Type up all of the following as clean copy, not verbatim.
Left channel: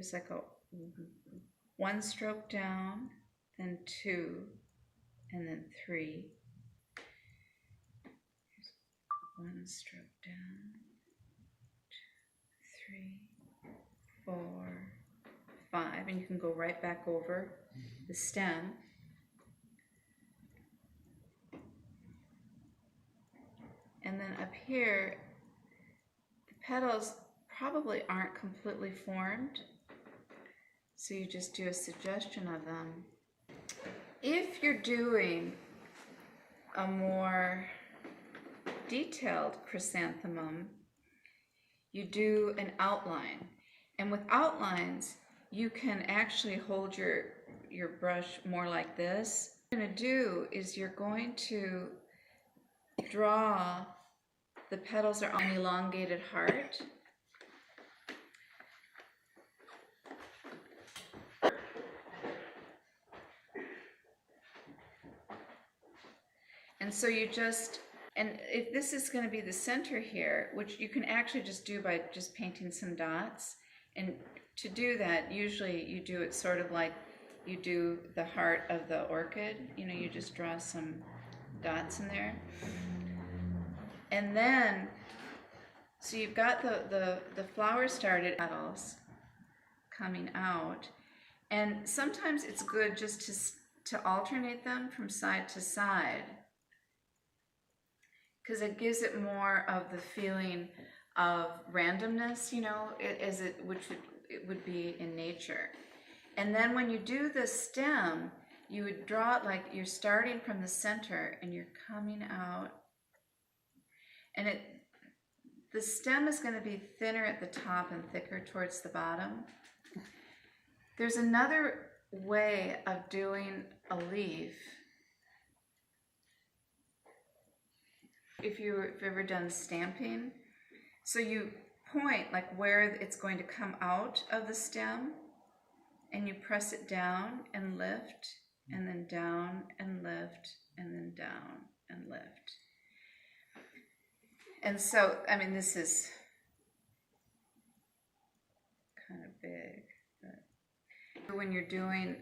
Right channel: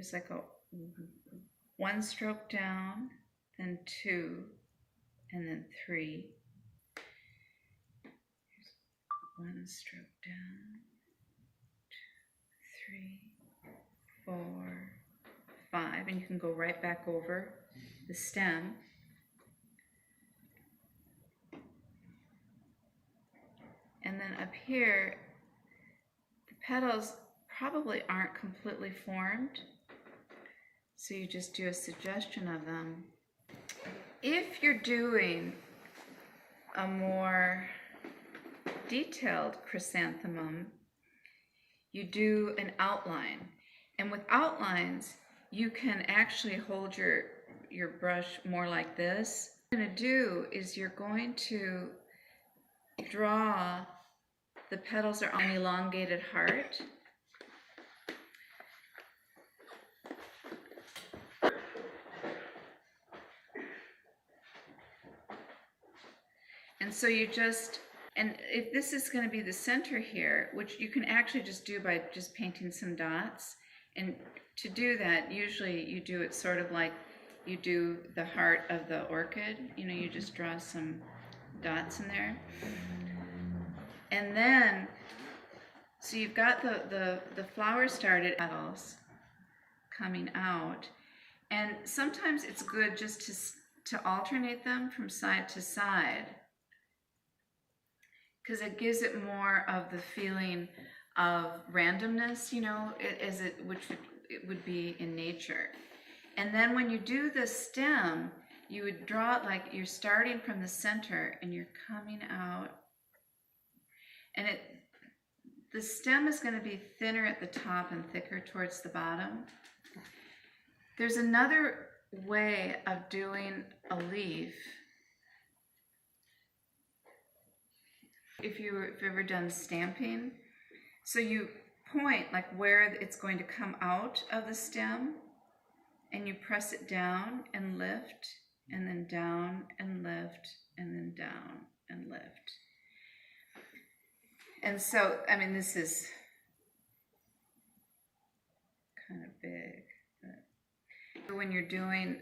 there's like a one stroke down, then two, and then three. One stroke down, 2, 3, 4, 5, and you can go right back over the stem. And then up here, the petals probably aren't completely formed, so you just do a suggestion of them. If you're doing a more detailed chrysanthemum, you do an outline. And with outlines, you can actually hold your brush more like this. What you're going to do is you're going to draw the petals are on an elongated heart. And so you just, and if this is going to be the center here, which you can actually just do by just painting some dots, and to do that, usually you do it sort of like you do the heart of the orchid, you know, you just draw some dots in there. And then, so you've got the flower started, petals coming out, and sometimes it's good just to alternate them from side to side, because it gives it more of the feeling of randomness, you know, which would be in nature. And then when you do the stem, you would draw it like you're starting from the center and you're coming out. And the stem is going to be thinner at the top and thicker towards the bottom. There's another way of doing a leaf. If you've ever done stamping, so you point like where it's going to come out of the stem, and you press it down and lift, and then down and lift, and then down and lift. And so, I mean, this is kind of big, but when you're doing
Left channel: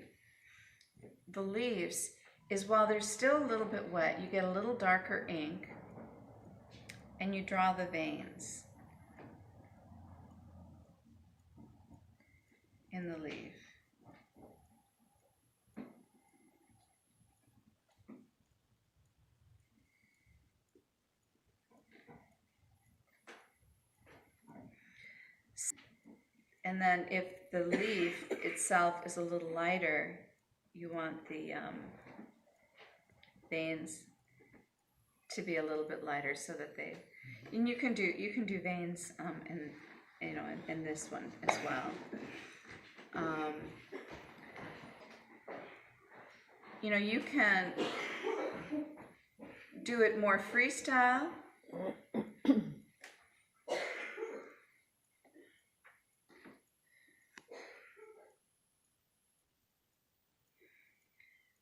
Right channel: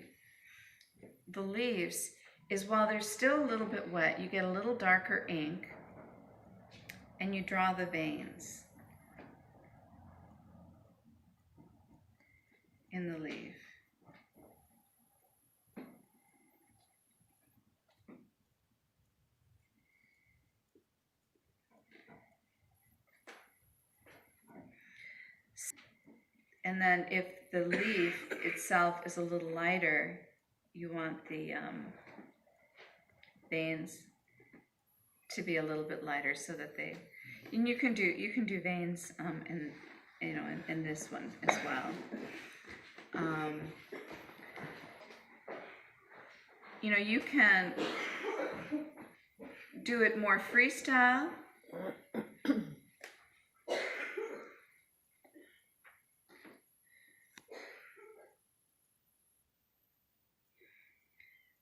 the leaves, is while they're still a little bit wet, you get a little darker ink, and you draw the veins in the leaf. And then if the leaf itself is a little lighter, you want the veins to be a little bit lighter, so that they, and you can do veins in this one as well. You know, you can do it more freestyle.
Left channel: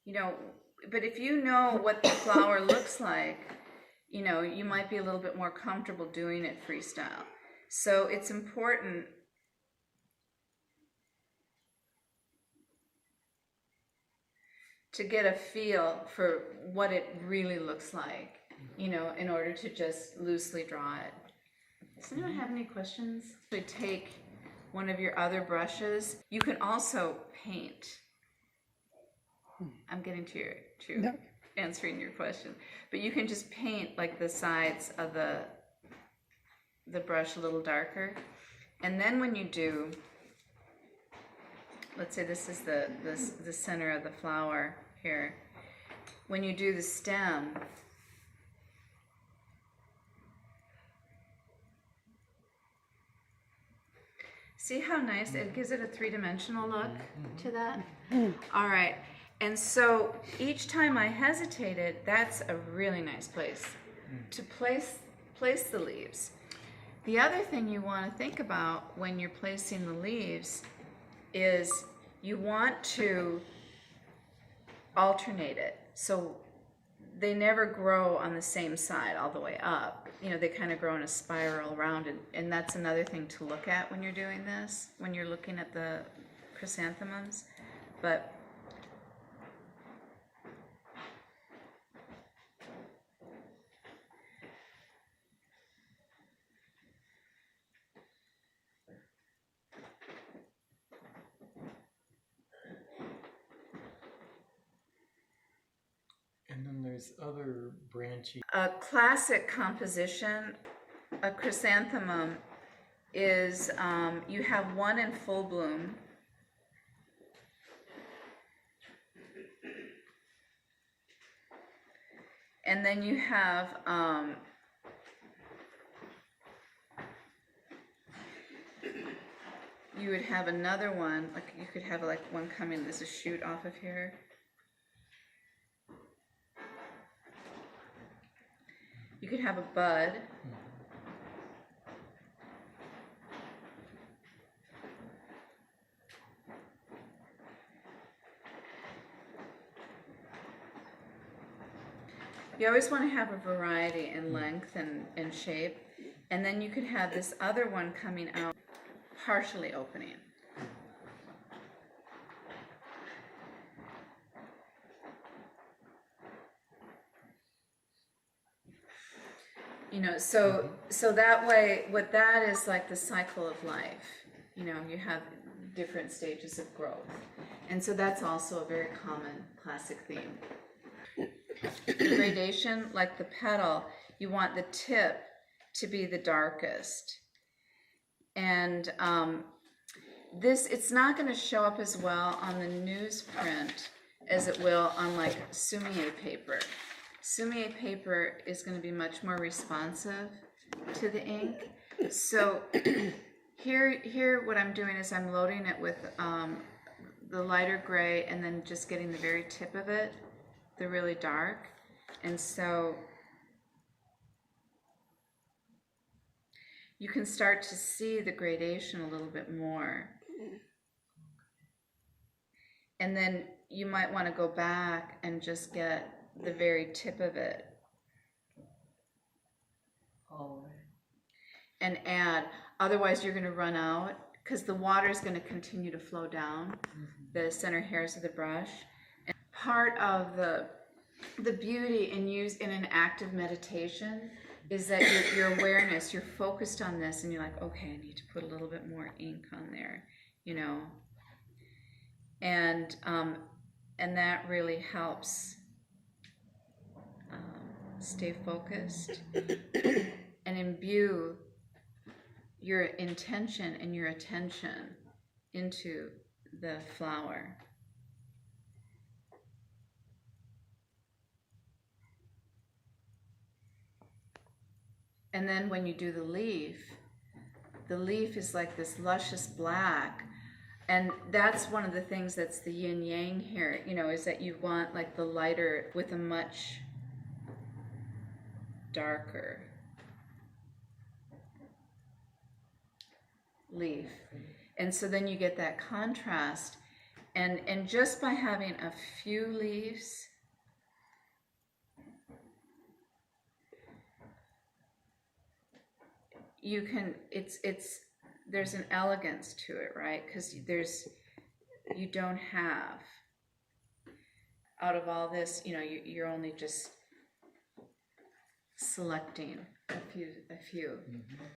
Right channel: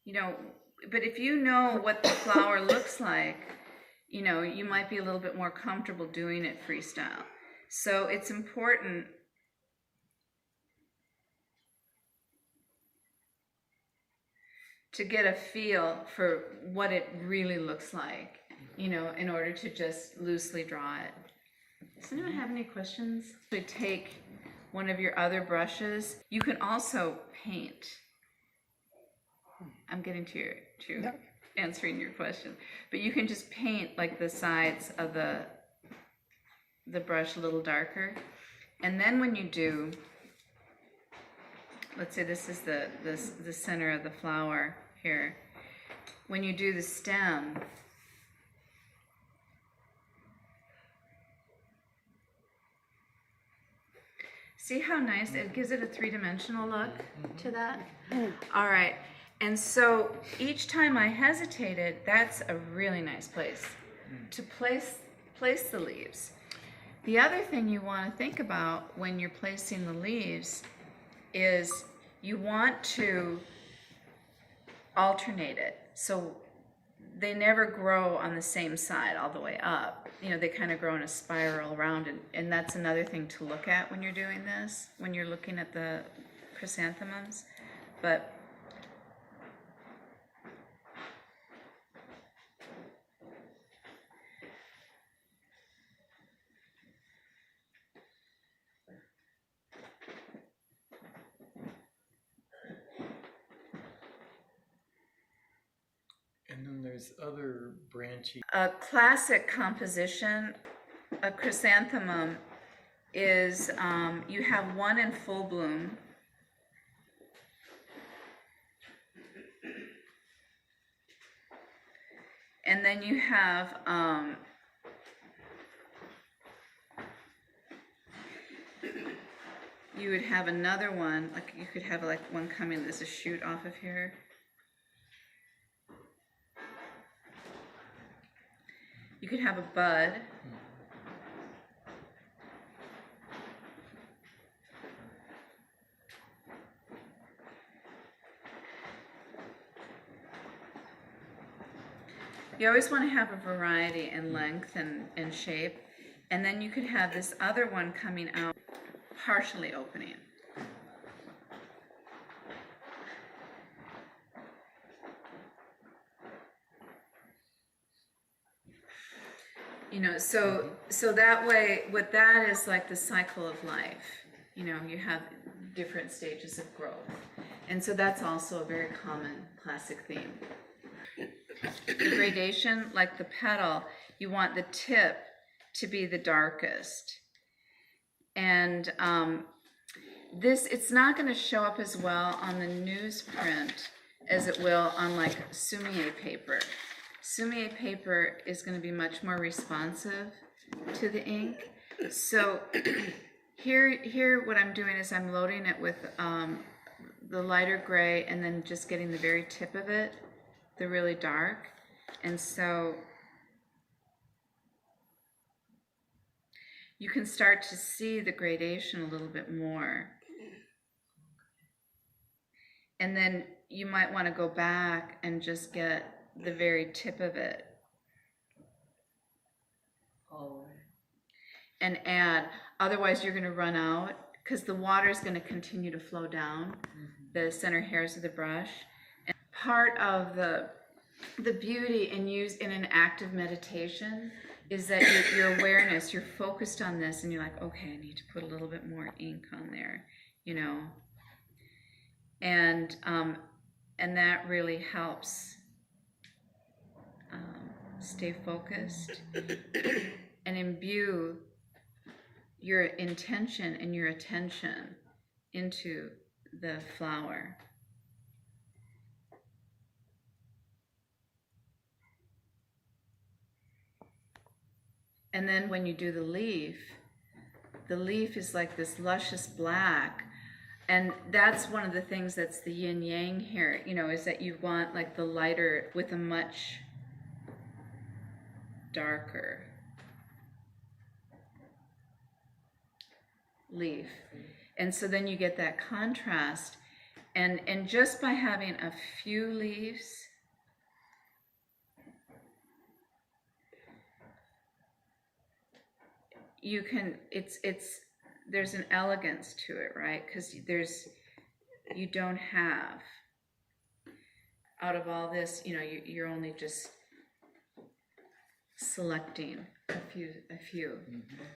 You know, but if you know what the flower looks like, you know, you might be a little bit more comfortable doing it freestyle. So it's important to get a feel for what it really looks like, you know, in order to just loosely draw it. Does anyone have any questions? To take one of your other brushes, you can also paint. I'm getting to answering your question, but you can just paint like the sides of the brush a little darker, and then when you do, let's say this is the center of the flower here, when you do the stem, see how nice it gives it a three-dimensional look to that? All right. And so each time I hesitated, that's a really nice place to place the leaves. The other thing you want to think about when you're placing the leaves is you want to alternate it. So they never grow on the same side all the way up. You know, they kind of grow in a spiral around, and that's another thing to look at when you're doing this, when you're looking at the chrysanthemums. But and then there's other branchy. a classic composition, a chrysanthemum, is you have one in full bloom, and then you have you would have another one, like you could have like one coming, there's a shoot off of here. You could have a bud. You always want to have a variety in length and shape. And then you could have this other one coming out, partially opening. You know, so that way, what that is like the cycle of life. You know, you have different stages of growth. And so that's also a very common classic theme. The gradation, like the petal, you want the tip to be the darkest. And it's not going to show up as well on the newsprint as it will on like SUMI-E paper. SUMI-E paper is going to be much more responsive to the ink. So here what I'm doing is I'm loading it with the lighter gray and then just getting the very tip of it, the really dark. And so you can start to see the gradation a little bit more. And then you might want to go back and just get the very tip of it. And add. Otherwise you're going to run out because the water is going to continue to flow down the center hairs of the brush. And part of the beauty in an active meditation is that your awareness, you're focused on this and you're like, okay, I need to put a little bit more ink on there, you know. And that really helps stay focused and imbue your intention and your attention into the flower. And then when you do the leaf is like this luscious black. And that's one of the things that's the yin yang here, you know, is that you want like the lighter with a much darker leaf. And so then you get that contrast. And just by having a few leaves, you can, there's an elegance to it, right? Because you don't have, out of all this, you know, you're only just selecting a few.